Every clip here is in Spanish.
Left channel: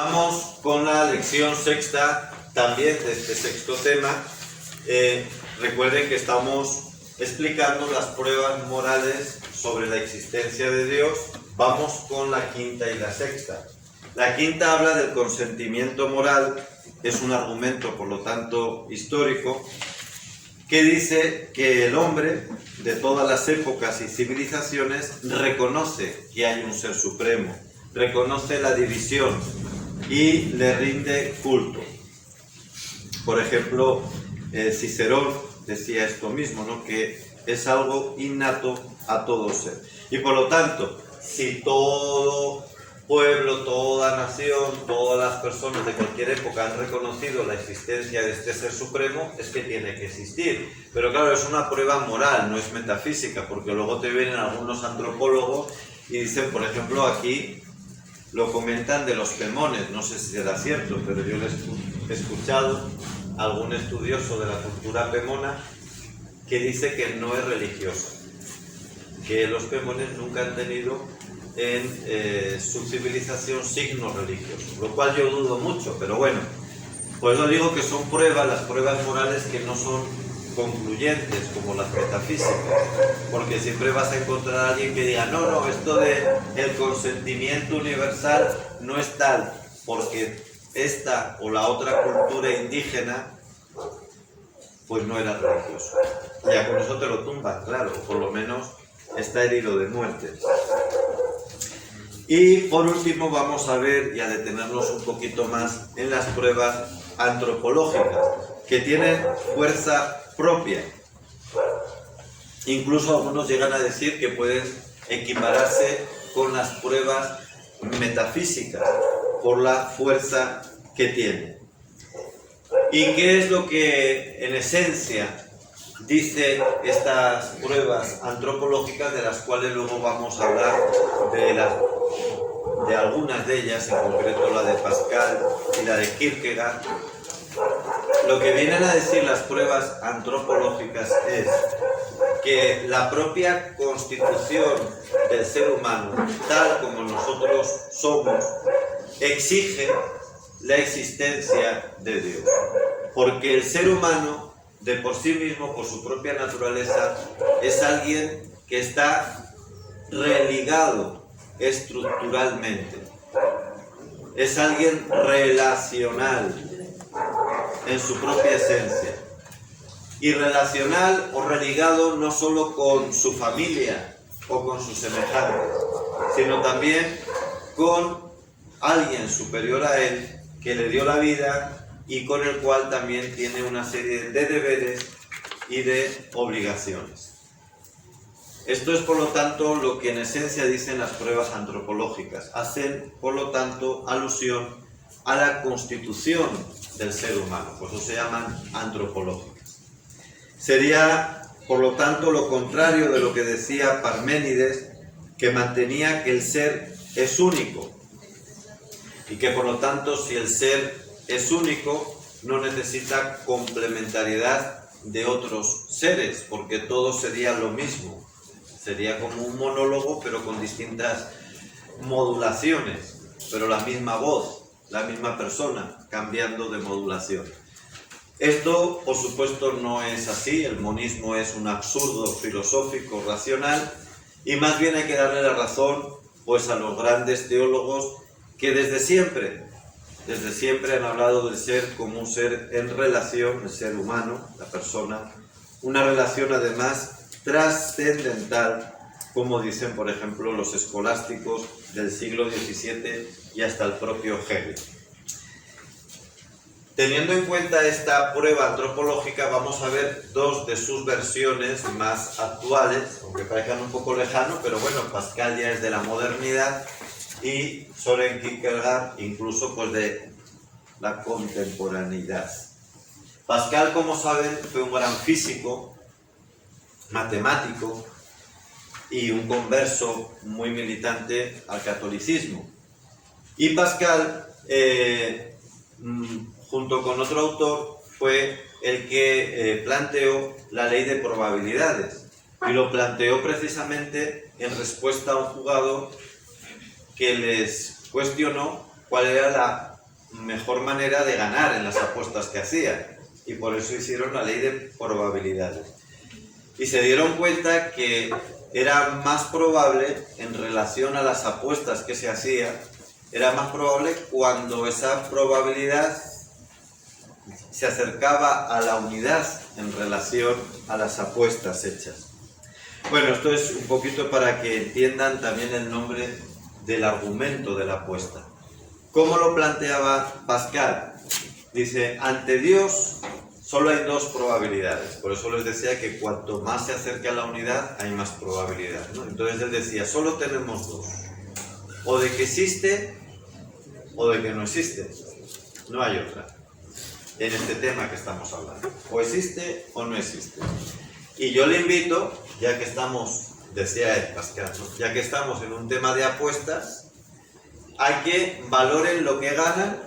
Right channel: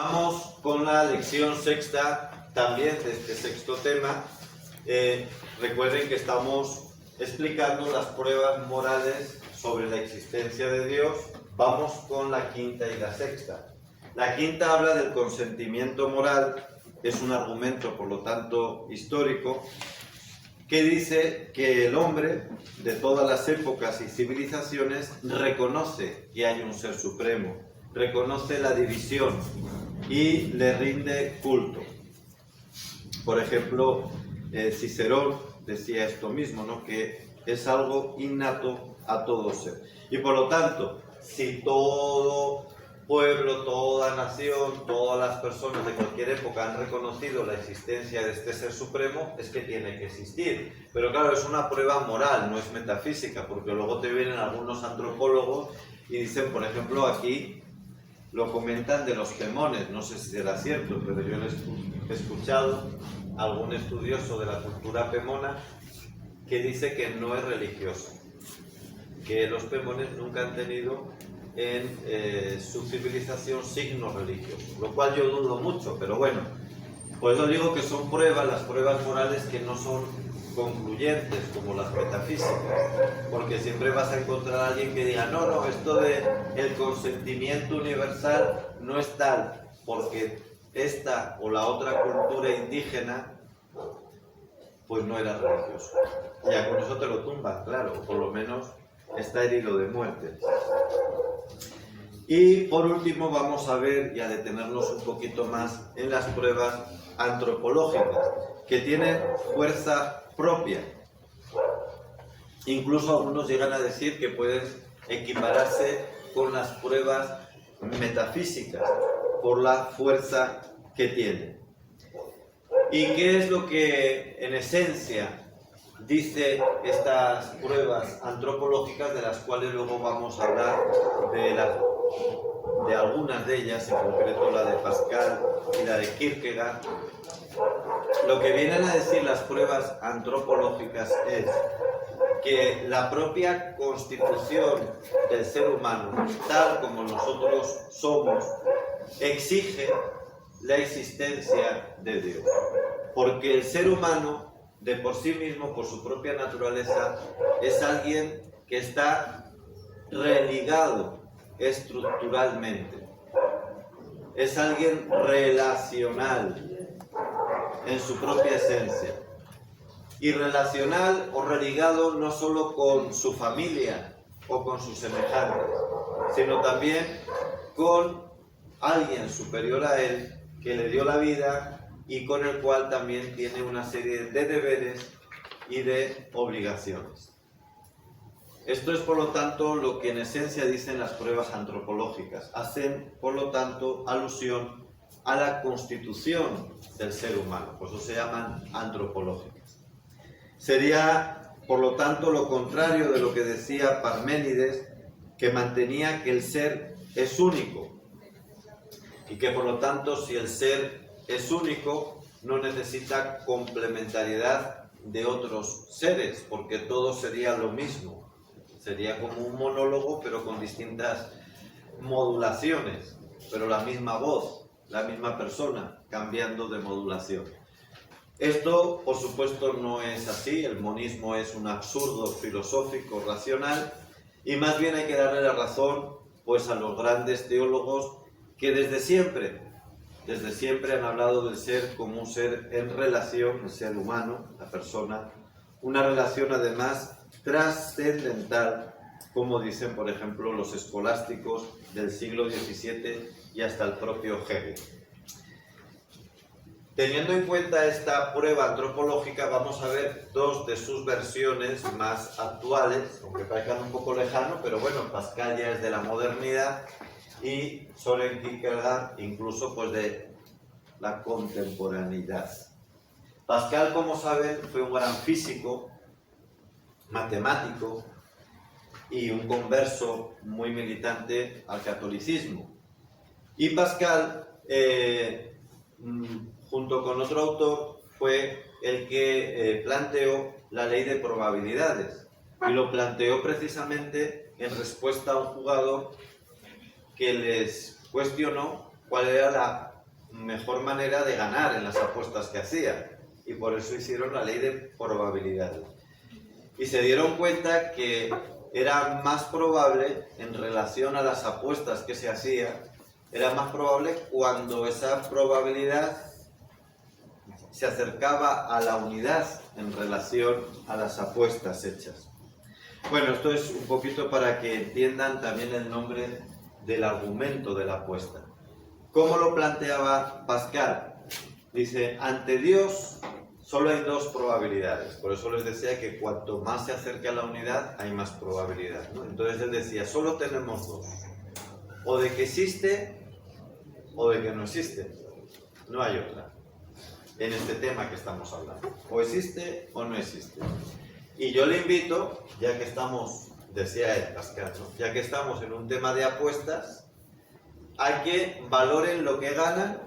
Vamos con la lección sexta, también de este sexto tema. Recuerden que estamos explicando las pruebas morales sobre la existencia de Dios. Vamos con la quinta y la sexta. La quinta habla del consentimiento moral, es un argumento, por lo tanto, histórico, que dice que el hombre de todas las épocas y civilizaciones reconoce que hay un ser supremo, reconoce la división y le rinde culto. Por ejemplo, Cicerón decía esto mismo, ¿no? Que es algo innato a todo ser. Y por lo tanto, si todo pueblo, toda nación, todas las personas de cualquier época han reconocido la existencia de este ser supremo, es que tiene que existir. Pero claro, es una prueba moral, no es metafísica, porque luego te vienen algunos antropólogos y dicen, por ejemplo, aquí lo comentan de los pemones, no sé si será cierto, pero yo he escuchado a algún estudioso de la cultura pemona que dice que no es religioso, que los pemones nunca han tenido en su civilización signos religiosos, lo cual yo dudo mucho, pero bueno, pues yo digo que son pruebas, las pruebas morales que no son concluyentes como las metafísicas, porque siempre vas a encontrar a alguien que diga no, esto de el consentimiento universal no es tal, porque esta o la otra cultura indígena pues no era religioso. Ya con eso te lo tumban, claro, por lo menos está herido de muerte. Y por último vamos a ver y a detenernos un poquito más en las pruebas antropológicas, que tienen fuerza propia. Incluso algunos llegan a decir que pueden equipararse con las pruebas metafísicas por la fuerza que tienen. ¿Y qué es lo que en esencia dice estas pruebas antropológicas, de las cuales luego vamos a hablar de algunas de ellas, en concreto la de Pascal y la de Kierkegaard? Lo que vienen a decir las pruebas antropológicas es que la propia constitución del ser humano, tal como nosotros somos, exige la existencia de Dios. Porque el ser humano, de por sí mismo, por su propia naturaleza, es alguien que está religado estructuralmente. Es alguien relacional en su propia esencia. Y relacional o religado no solo con su familia o con sus semejantes, sino también con alguien superior a él que le dio la vida y con el cual también tiene una serie de deberes y de obligaciones. Esto es, por lo tanto, lo que en esencia dicen las pruebas antropológicas. Hacen, por lo tanto, alusión a la constitución del ser humano, por eso se llaman antropológicas. Sería, por lo tanto, lo contrario de lo que decía Parménides, que mantenía que el ser es único y que, por lo tanto, si el ser es único, no necesita complementariedad de otros seres, porque todo sería lo mismo. Sería como un monólogo, pero con distintas modulaciones, pero la misma voz, la misma persona, cambiando de modulación. Esto, por supuesto, no es así. El monismo es un absurdo filosófico racional, y más bien hay que darle la razón pues a los grandes teólogos que desde siempre han hablado del ser como un ser en relación, el ser humano, la persona, una relación además trascendental, como dicen, por ejemplo, los escolásticos del siglo XVII y hasta el propio Hegel. Teniendo en cuenta esta prueba antropológica, vamos a ver dos de sus versiones más actuales, aunque parezcan un poco lejanos, pero bueno, Pascal ya es de la modernidad y Søren Kierkegaard incluso pues de la contemporaneidad. Pascal, como saben, fue un gran físico, matemático y un converso muy militante al catolicismo. Y Pascal, junto con otro autor, fue el que planteó la ley de probabilidades, y lo planteó precisamente en respuesta a un jugador que les cuestionó cuál era la mejor manera de ganar en las apuestas que hacían. Y por eso hicieron la ley de probabilidades. Y se dieron cuenta que era más probable, en relación a las apuestas que se hacían, era más probable cuando esa probabilidad se acercaba a la unidad en relación a las apuestas hechas. Bueno, esto es un poquito para que entiendan también el nombre del argumento de la apuesta. ¿Cómo lo planteaba Pascal? Dice, ante Dios solo hay dos probabilidades. Por eso les decía que cuanto más se acerca a la unidad, hay más probabilidad, ¿no? Entonces él decía, solo tenemos dos. O de que existe, o de que no existe. No hay otra. En este tema que estamos hablando. O existe o no existe. Y yo le invito, ya que estamos, decía Pascal, ¿no? Ya que estamos en un tema de apuestas, a que valoren lo que ganan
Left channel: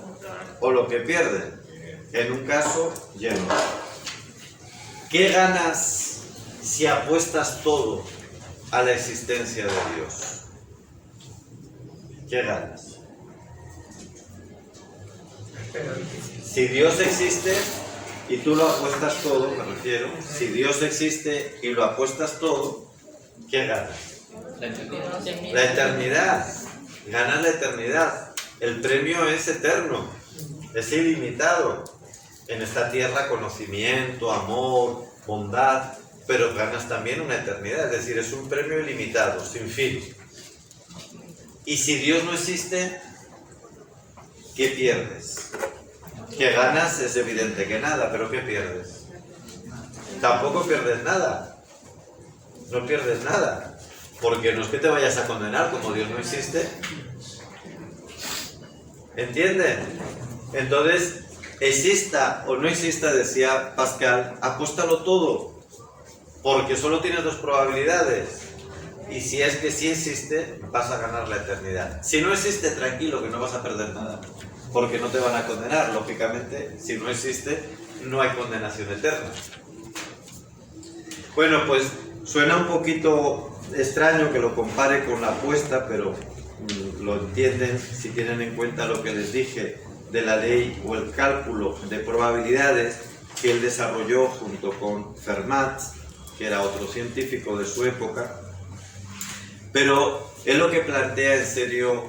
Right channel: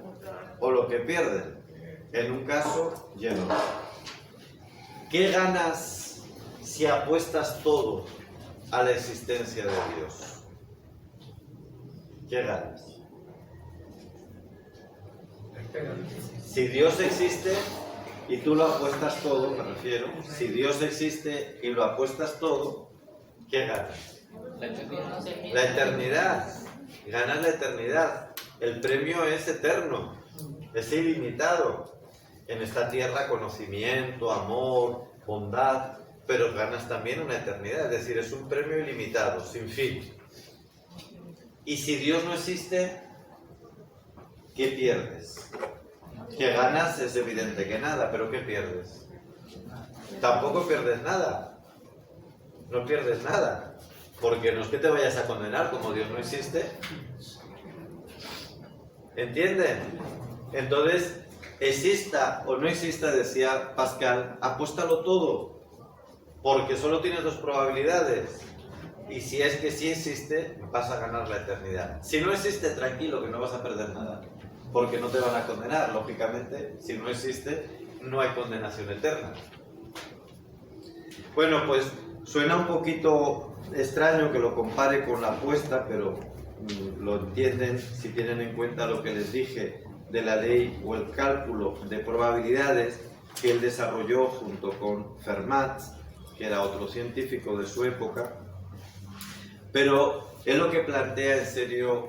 o lo que pierden. En un caso y en otro. ¿Qué ganas si apuestas todo a la existencia de Dios? ¿Qué ganas? Si Dios existe y tú lo apuestas todo, me refiero, si Dios existe y lo apuestas todo, ¿qué ganas? La eternidad. La eternidad. Ganas la eternidad. El premio es eterno, es ilimitado. En esta tierra, conocimiento, amor, bondad, pero ganas también una eternidad, es decir, es un premio ilimitado, sin fin. Y si Dios no existe, ¿qué pierdes? Que ganas es evidente que nada, pero ¿qué pierdes? Tampoco pierdes nada. No pierdes nada. Porque no es que te vayas a condenar, como Dios no existe. ¿Entienden? Entonces, exista o no exista, decía Pascal, apuéstalo todo. Porque solo tienes dos probabilidades. Y si es que sí existe, vas a ganar la eternidad. Si no existe, tranquilo, que no vas a perder nada. Porque no te van a condenar. Lógicamente, si no existe, no hay condenación eterna. Bueno, pues suena un poquito extraño que lo compare con la apuesta, pero lo entienden si tienen en cuenta lo que les dije de la ley o el cálculo de probabilidades que él desarrolló junto con Fermat, que era otro científico de su época. Pero es lo que plantea en serio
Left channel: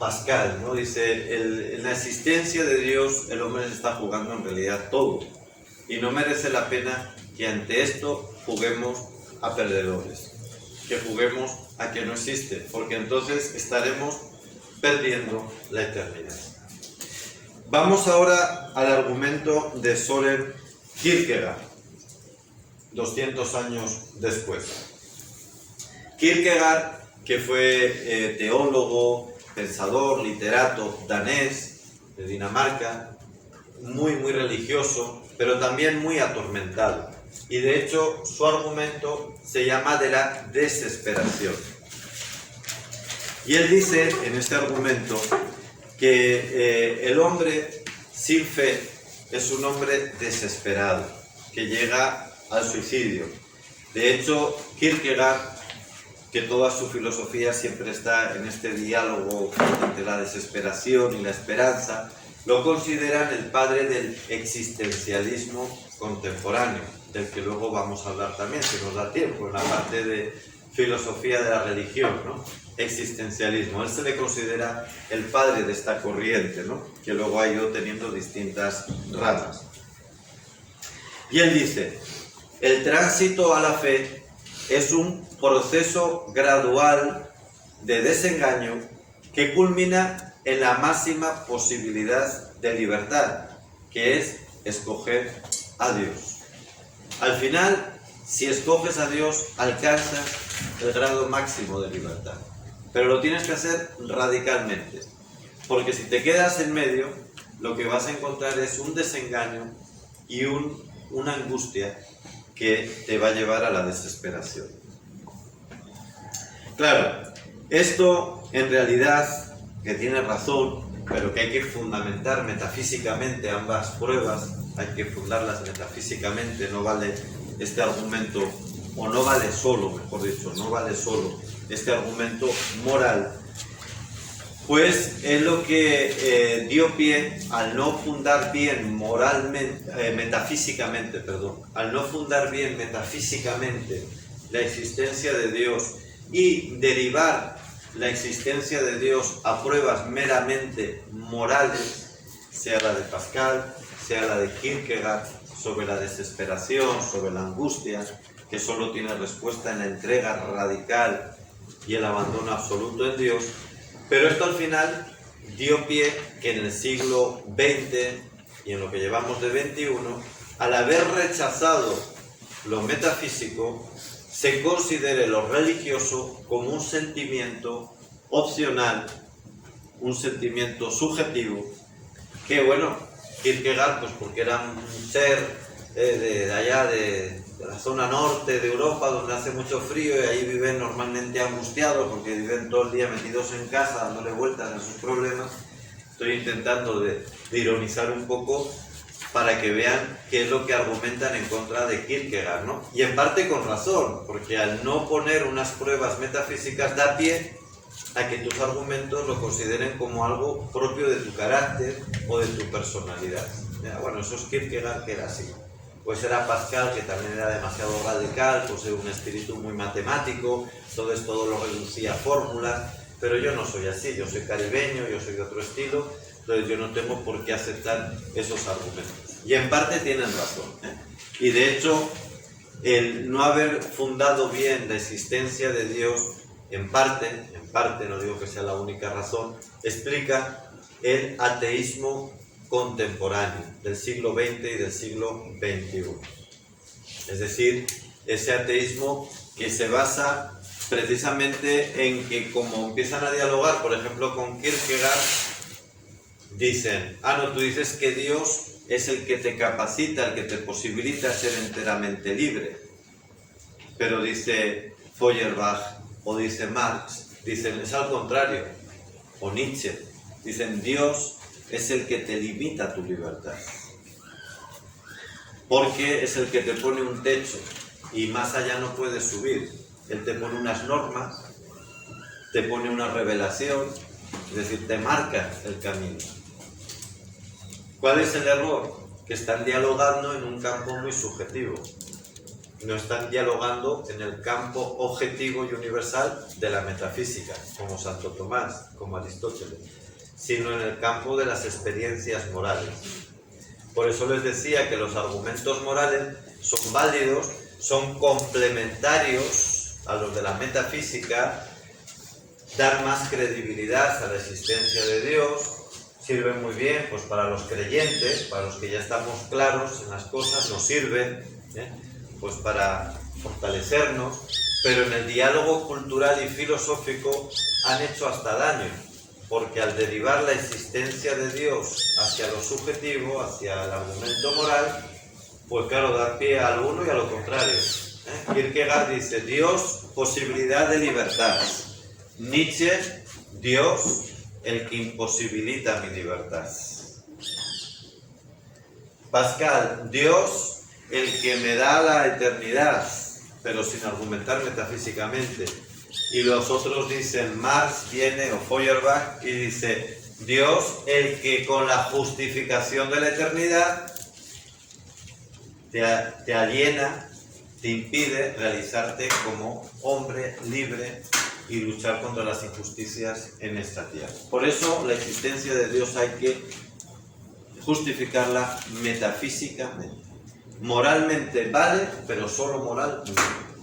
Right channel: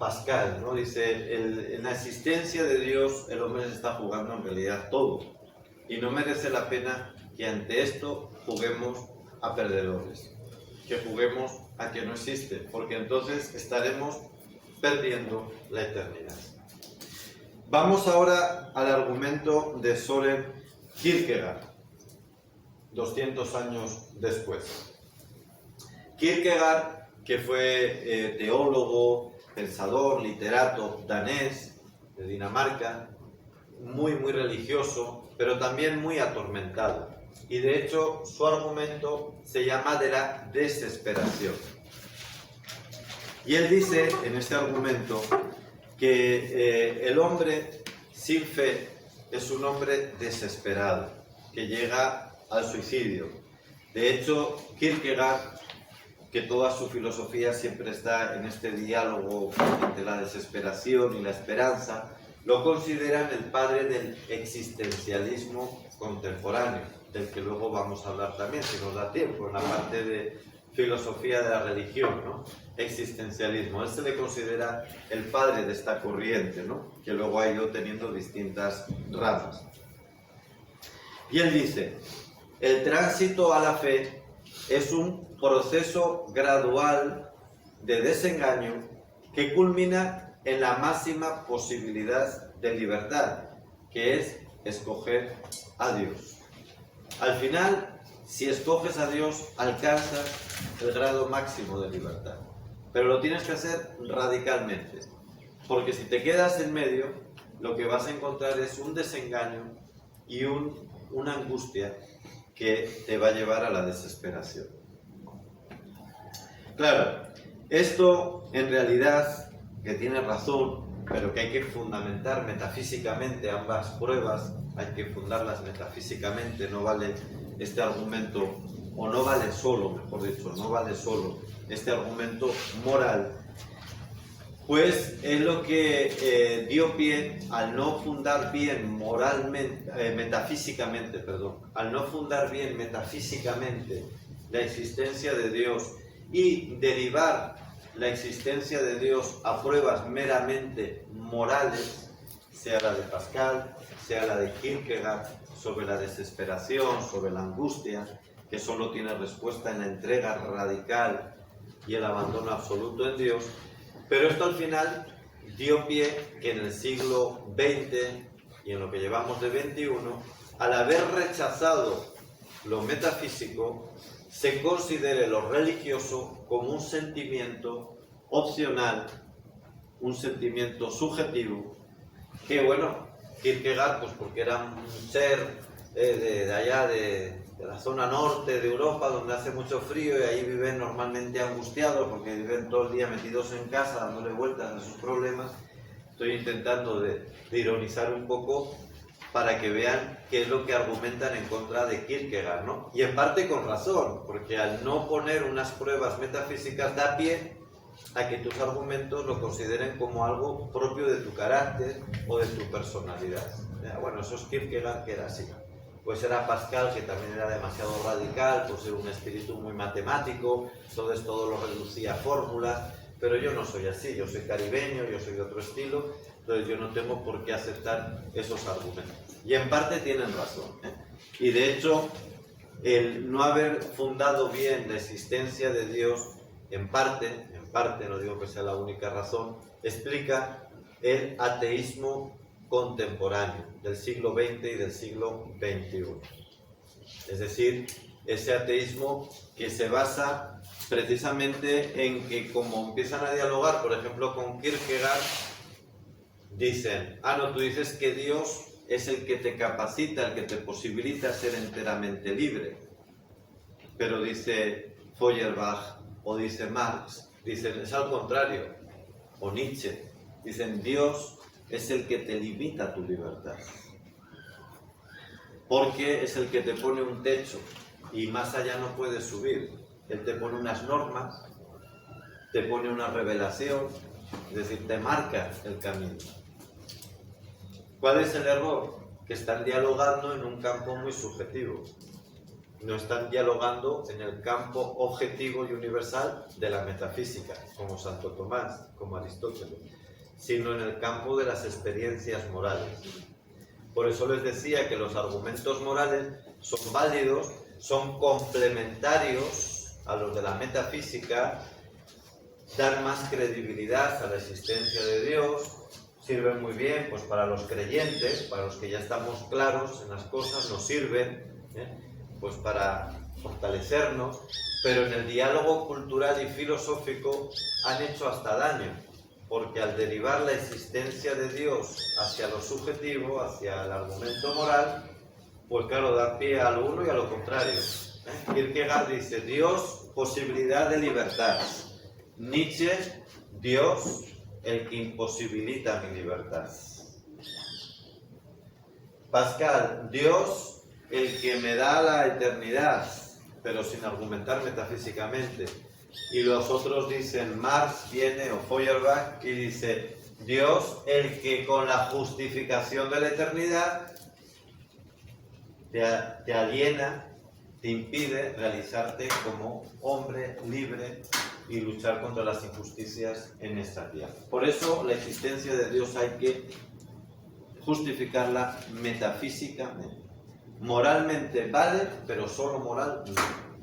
Pascal, ¿no? Dice, en la existencia de Dios el hombre se está jugando en realidad todo y no merece la pena que ante esto juguemos a perdedores, que juguemos a que no existe, porque entonces estaremos perdiendo la eternidad. Vamos ahora al argumento de Søren Kierkegaard, 200 años después. Kierkegaard, que fue teólogo, pensador, literato danés de Dinamarca, muy religioso, pero también muy atormentado. Y de hecho su argumento se llama de la desesperación. Y él dice en este argumento que el hombre sin fe es un hombre desesperado, que llega al suicidio. De hecho, Kierkegaard, que toda su filosofía siempre está en este diálogo entre la desesperación y la esperanza, lo consideran el padre del existencialismo contemporáneo, del que luego vamos a hablar también, si nos da tiempo, en la parte de filosofía de la religión, ¿no? Existencialismo. Él se le considera el padre de esta corriente, ¿no? Que luego ha ido teniendo distintas ramas. Y él dice, el tránsito a la fe es un proceso gradual de desengaño que culmina en la máxima posibilidad de libertad, que es escoger a Dios. Al final, si escoges a Dios, alcanzas el grado máximo de libertad. Pero lo tienes que hacer radicalmente, porque si te quedas en medio, lo que vas a encontrar es un desengaño y una angustia que te va a llevar a la desesperación. Claro, esto en realidad, que tiene razón, pero que hay que fundamentar metafísicamente ambas pruebas, hay que fundarlas metafísicamente, no vale este argumento, o no vale solo, mejor dicho, no vale solo este argumento moral. Pues es lo que dio pie al no fundar bien metafísicamente, al no fundar bien metafísicamente la existencia de Dios y derivar la existencia de Dios a pruebas meramente morales, sea la de Pascal, sea la de Kierkegaard, sobre la desesperación, sobre la angustia, que solo tiene respuesta en la entrega radical y el abandono absoluto en Dios. Pero esto al final dio pie que en el siglo XX y en lo que llevamos de XXI, al haber rechazado lo metafísico, se considere lo religioso como un sentimiento opcional, un sentimiento subjetivo, que bueno, Kierkegaard, pues porque era un ser de allá de la zona norte de Europa, donde hace mucho frío y ahí viven normalmente angustiados porque viven todo el día metidos en casa dándole vueltas a sus problemas. Estoy intentando de ironizar un poco para que vean qué es lo que argumentan en contra de Kierkegaard, ¿no? Y en parte con razón, porque al no poner unas pruebas metafísicas da pie a que tus argumentos lo consideren como algo propio de tu carácter o de tu personalidad. Bueno, eso es Kierkegaard, que era así. Pues era Pascal, que también era demasiado radical, pues era un espíritu muy matemático, entonces todo lo reducía a fórmulas, pero yo no soy así, yo soy caribeño, yo soy de otro estilo, entonces yo no tengo por qué aceptar esos argumentos. Y en parte tienen razón, Y de hecho, el no haber fundado bien la existencia de Dios, en parte, no digo que sea la única razón, explica el ateísmo contemporáneo del siglo XX y del siglo XXI. Es decir, ese ateísmo que se basa precisamente en que, como empiezan a dialogar, por ejemplo, con Kierkegaard, dicen, no, tú dices que Dios es el que te capacita, el que te posibilita ser enteramente libre. Pero dice Feuerbach o dice Marx, dicen, es al contrario, o Nietzsche, dicen, Dios es el que te limita tu libertad, porque es el que te pone un techo y más allá no puedes subir. Él te pone unas normas, te pone una revelación, es decir, te marca el camino. ¿Cuál es el error? Que están dialogando en un campo muy subjetivo. No están dialogando en el campo objetivo y universal de la metafísica, como Santo Tomás, como Aristóteles, sino en el campo de las experiencias morales. Por eso les decía que los argumentos morales son válidos, son complementarios a los de la metafísica, dan más credibilidad a la existencia de Dios, sirven muy bien pues para los creyentes, para los que ya estamos claros en las cosas, nos sirven pues para fortalecernos, pero en el diálogo cultural y filosófico han hecho hasta daño, porque al derivar la existencia de Dios hacia lo subjetivo, hacia el argumento moral, pues claro, da pie al uno y a lo contrario. Kierkegaard dice, Dios, posibilidad de libertad. Nietzsche, Dios, el que imposibilita mi libertad. Pascal, Dios, el que me da la eternidad, pero sin argumentar metafísicamente. Y los otros dicen, Marx viene, o Feuerbach, y dice, Dios, el que con la justificación de la eternidad te aliena, te impide realizarte como hombre libre y luchar contra las injusticias en esta tierra. Por eso la existencia de Dios hay que justificarla metafísicamente. Moralmente vale, pero solo moral no.